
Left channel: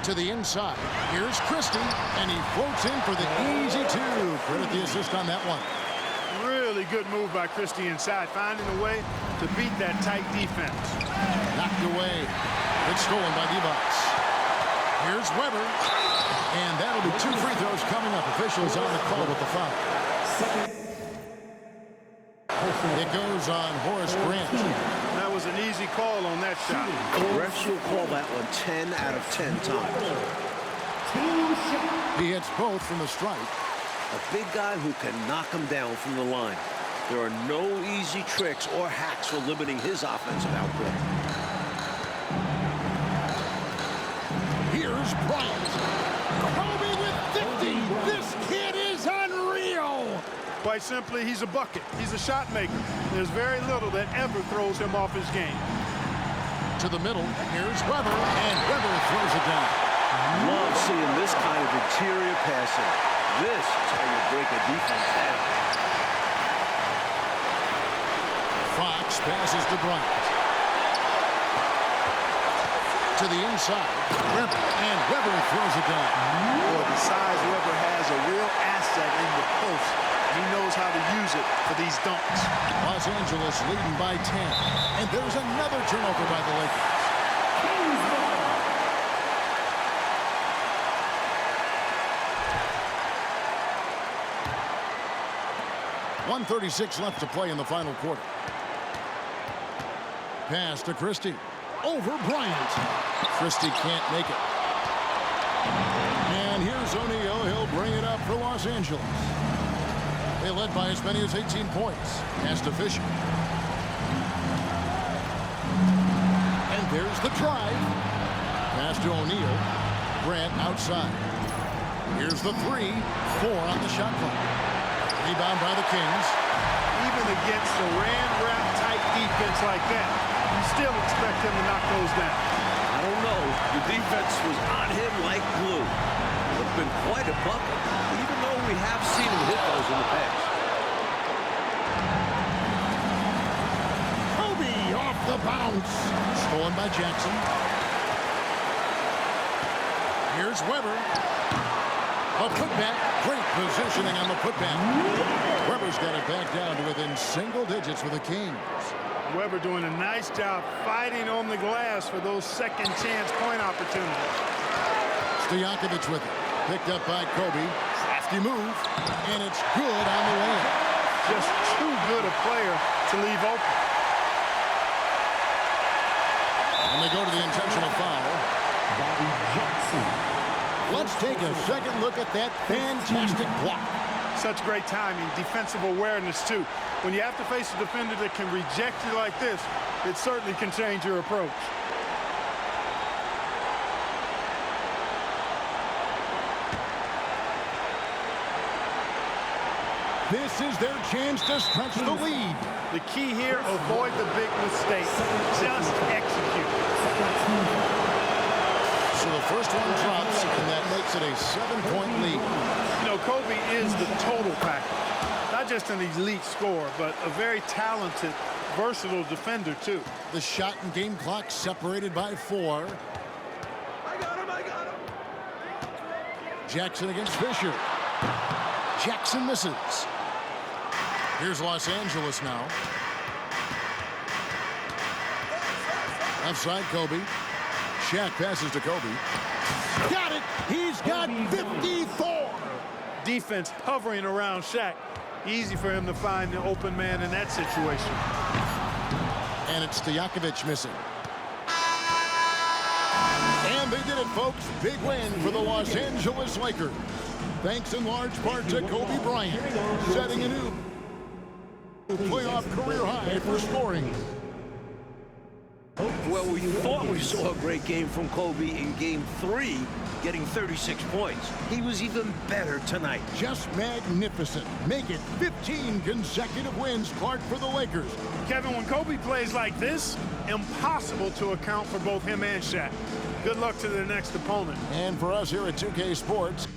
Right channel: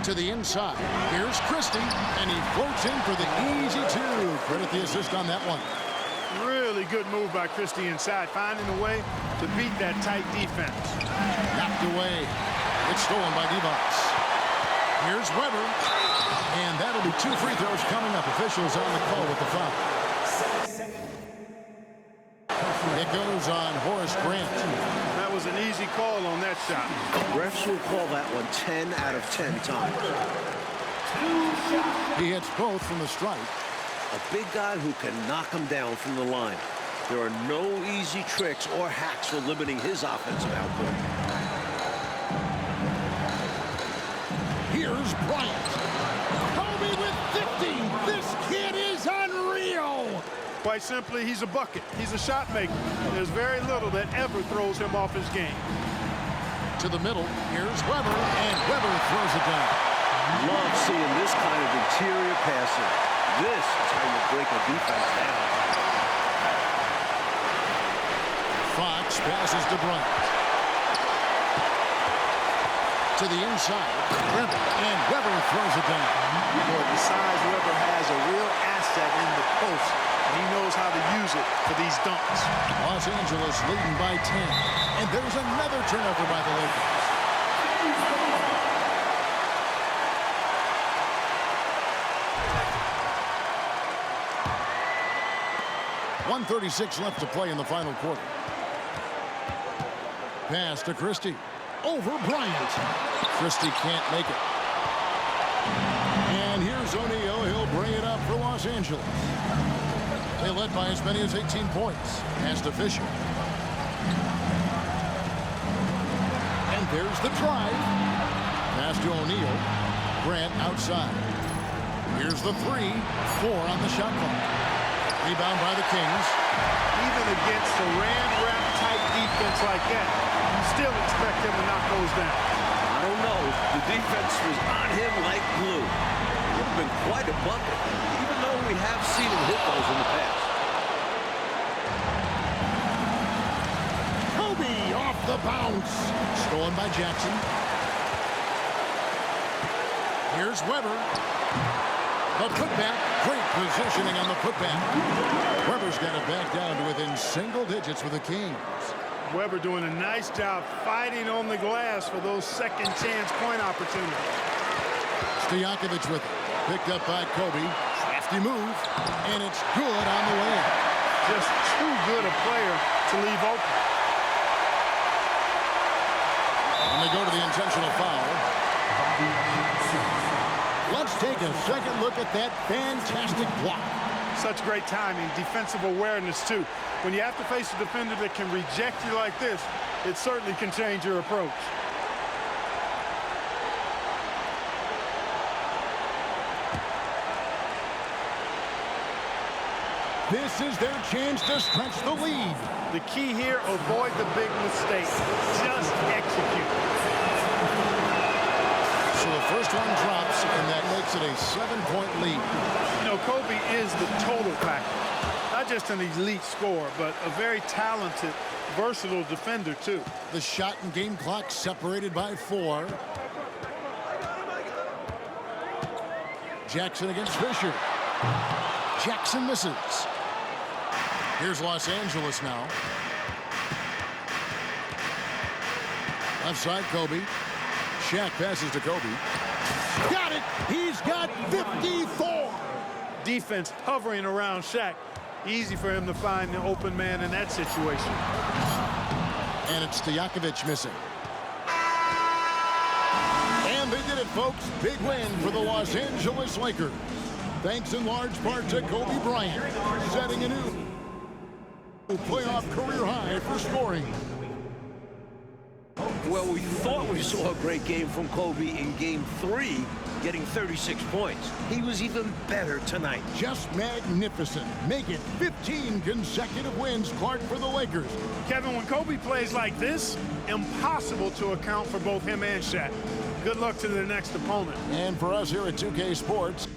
To the inside. Here's Christie, and he floats in for the easy 2. Credit the assist on that one. Really good move by Christie inside, finding a way to beat that tight defense. Knocked away. It's stolen by Divac. Here's Weber, and that'll be 2 free throws coming up. Officials on the call with the foul. It goes on Horace Grant. That was an easy call on that shot. Refs will call that one 10 out of 10 times. He hits both from the stripe. A big guy who can knock him down from the line. There are no easy tricks or hacks for limiting his offensive output. Here's Bryant. Kobe with 50. This kid is unreal. Quite simply, he's a bucket. He's a shot maker. There's very little that ever throws him off his game. To the middle. Here's Weber, and Weber throws it down. Love seeing this kind of interior passing. This is how you break a defense down. Fox passes to Bryant. To the inside, Weber, and Weber throws it down. Boy, the size Weber has a real asset in the post, and he knows how to use it for these dunks. Los Angeles leading by 10, and there's another turnover by the Lakers. 1:36 left to play in the final quarter. Pass to Christie. Over Bryant. Christie can't make it. And here's O'Neal. He'll bring it up for Los Angeles. They led by as many as 18 points. Pass to Fisher. And there's the drive. Pass to O'Neal. Grant outside. Here's the 3. 4 on the shot clock. Rebound by the Kings. Even against Saran wrap type defense like that, you still expect him to knock those down. I don't know. The defense was on him like glue. It would have been quite a bucket, even though we have seen him hit those in the past. Kobe off the bounce. Stolen by Jackson. Here's Weber. The putback. Great positioning on the putback. Weber's got it back down to within single digits with the Kings. Weber doing a nice job fighting on the glass for those second chance point opportunities. Stojakovic with it. Picked up by Kobe. Crafty move. And it's good on the way in. Just too good a player to leave open. And they go to the intentional foul. Bobby Jackson. Let's take a second look at that fantastic block. Such great timing, defensive awareness too. When you have to face a defender that can reject you like this, it certainly can change your approach. This is their chance to stretch the lead. The key here, avoid the big mistake. Just execute. So the first one drops, and that makes it a 7-point lead. You know, Kobe is the total package. Not just an elite scorer, but a very talented, versatile defender, too. The shot and game clock separated by 4. I got him. Jackson against Fisher. Jackson misses. Here's Los Angeles now. Left side, Kobe. Shaq passes to Kobe. Got it! He's got 54! Defense hovering around Shaq. Easy for him to find the open man in that situation. And it's Stojakovic missing. And they did it, folks. Big win for the Los Angeles Lakers. Thanks in large part to Kobe Bryant, setting a new playoff career high for scoring. Well, we thought we saw a great game from Kobe in Game 3, getting 36 points. He was even better tonight. Just magnificent. Make it 15 consecutive wins, Clark, for the Lakers. Kevin, when Kobe plays like this, impossible to account for both him and Shaq. Good luck to their next opponent. And for us here at 2K Sports,